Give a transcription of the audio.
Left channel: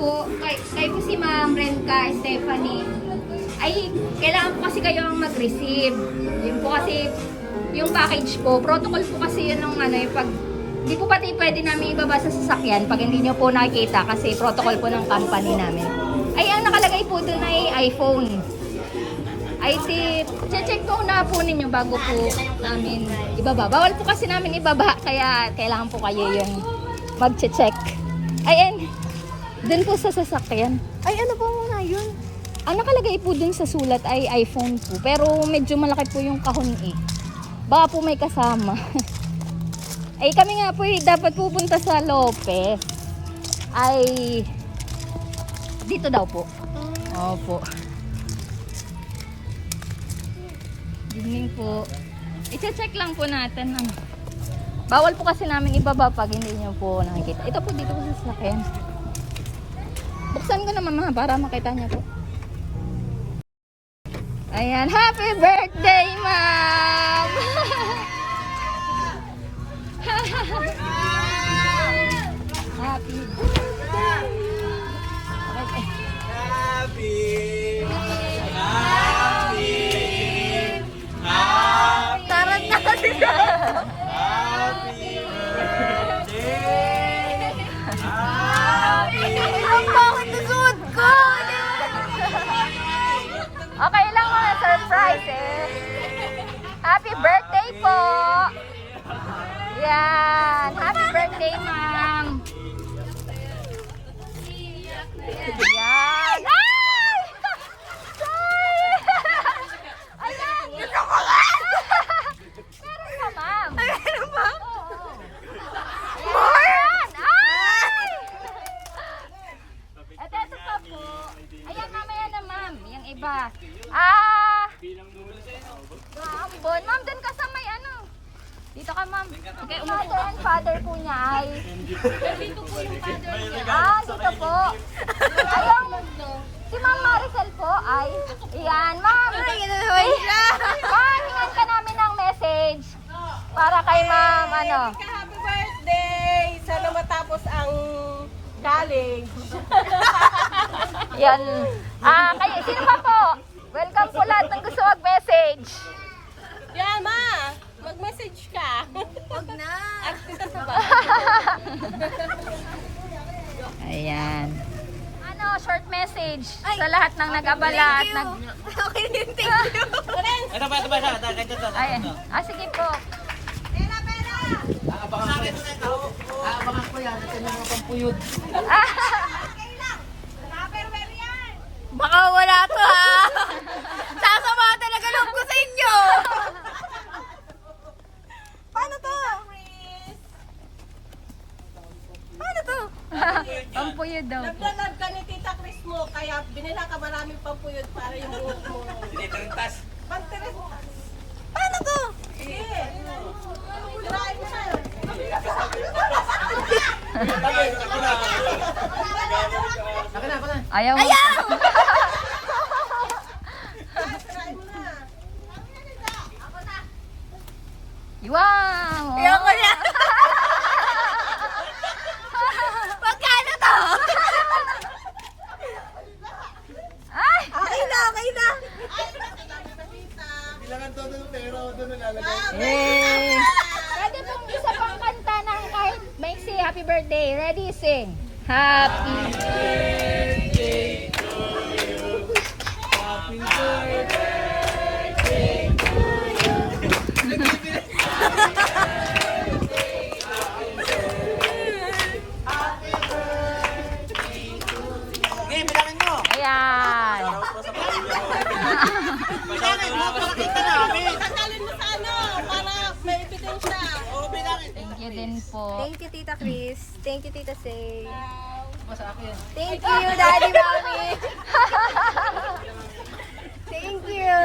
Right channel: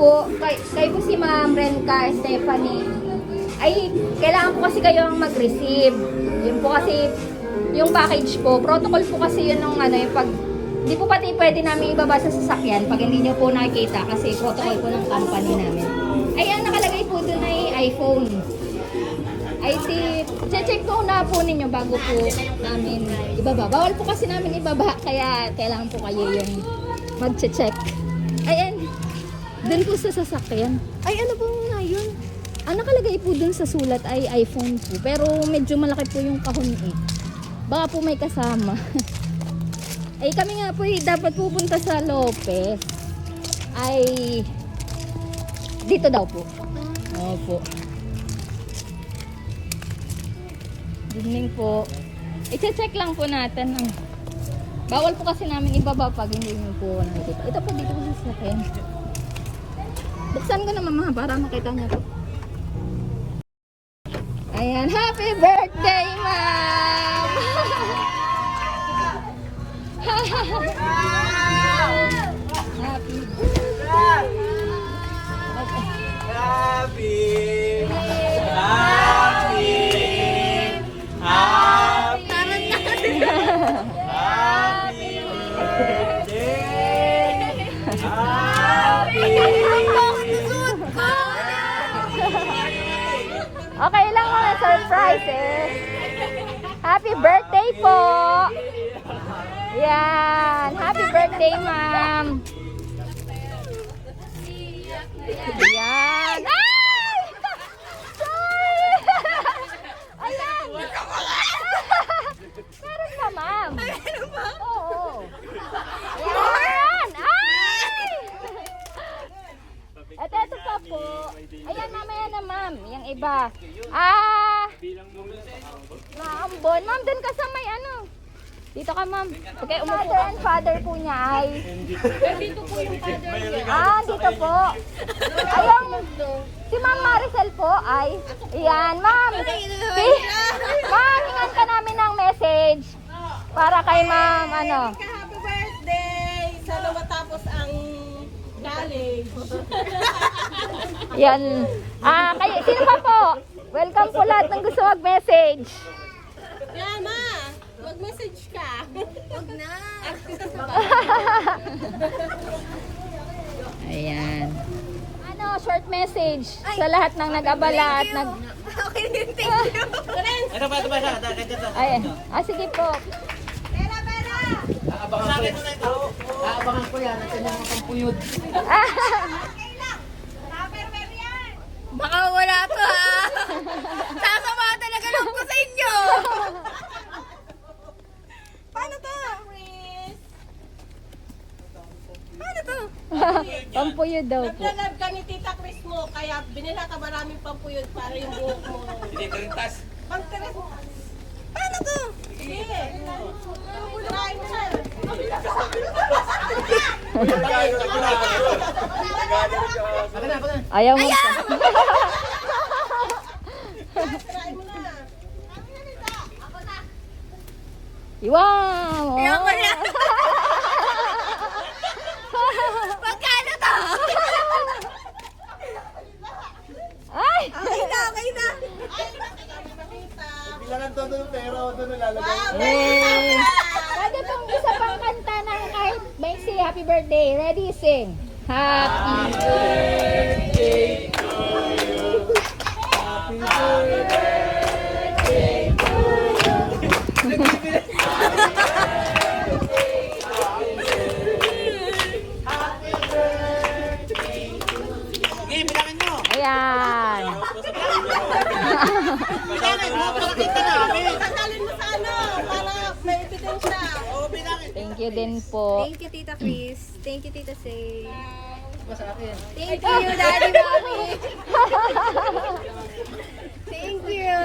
po, kay po si Ma'am Renka Stephanie, ay kailangan po kasi kayo ang mag-receive. Yun po kasi yung package po, protocol po kasi yun ng ano, yung pag, di po pati pwede namin ibaba sa sasakyan pag hindi nyo po nakikita kasi protocol po ng company namin. Ay, ang nakalagay po dun ay iPhone. Ay, check po na po ninyo bago po namin ibaba. Bawal po kasi namin ibaba, kaya kailangan po kayo yung mag-check. Ayan, dun po sa sasakyan. Ay, ano po muna yun? Ang nakalagay po dun sa sulat ay iPhone po, pero medyo malaki po yung kahon eh. Baka po may kasama. Ay, kami nga po dapat pupunta sa Lopez. Ay, dito daw po. Opo. Evening po. I-check lang po natin. Bawal po kasi namin ibaba pag hindi nyo po nakikita. Ito po dito po sa sasakyan. Buksan ko na mama para makita niya po. Ayan. Happy birthday, ma'am! Happy Taran natin. Ang bakit na suot ko? Okay lang mga surprises. Happy birthday po! Yan. Happy birthday, ma'am. Yan. Meron pa, ma'am. Ano ba? Oo. More? Ito pa po. Ayan, mamaya na, ma'am. Yung iba. Ambon. Ma'am, dun ka sa may ano. Dito ka, ma'am. Okay, umupo ka. Ang father po niya ay... Dito po yung father niya. Dito po. Si Ma'am Maricel po ay... Iyan, ma'am. Ay, ito naman siya. Pinag ka namin ng message. Para kay ma'am, ano. Happy birthday! Sana matapos ang college. Yan. Kayo sino pa po? Welcome po lahat ng gusto mag-message. Yan, ma! Mag-message ka. Huwag na. Kita sa ba? Ayan. Ano, short message Ay, sa lahat ng nag-abala at Thank you. nag... Okay din, thank you. Ito ba? Ayan. Sige po. Aabangan ko yan. Ito na ang puyod. Baka wala to ha. Sasama talaga loob ko sa inyo. Paano to? Paano to? Pampuyod daw po. Naglalab ka ni Tita Chris mo, kaya binila ka marami pang puyod para yung buhok mo. Hindi ko rin tas. Pagkakas mo. Paano to? Sige. Try mo na. Ayaw mo. Ayaw! Try mo na. Wow! Ayoko na. Magkano to? Ay! Okay na, okay na. Bilangan todo ng pera o doon nalalagay. Eh! Pwede pong isa pang kanta ng kahit maiksi happy birthday. Ready, sing. Happy birthday to you. Happy birthday to you. Okay, bilangin mo. Yan. Bilangin mo, pakita namin. Tagalin mo sa ano, para may ebidensya. Oo, bilangin. Thank you din po. Thank you, Tita Chris. Thank you, Tita Say. Sa akin. Thank you, Daddy Mommy. Thank you.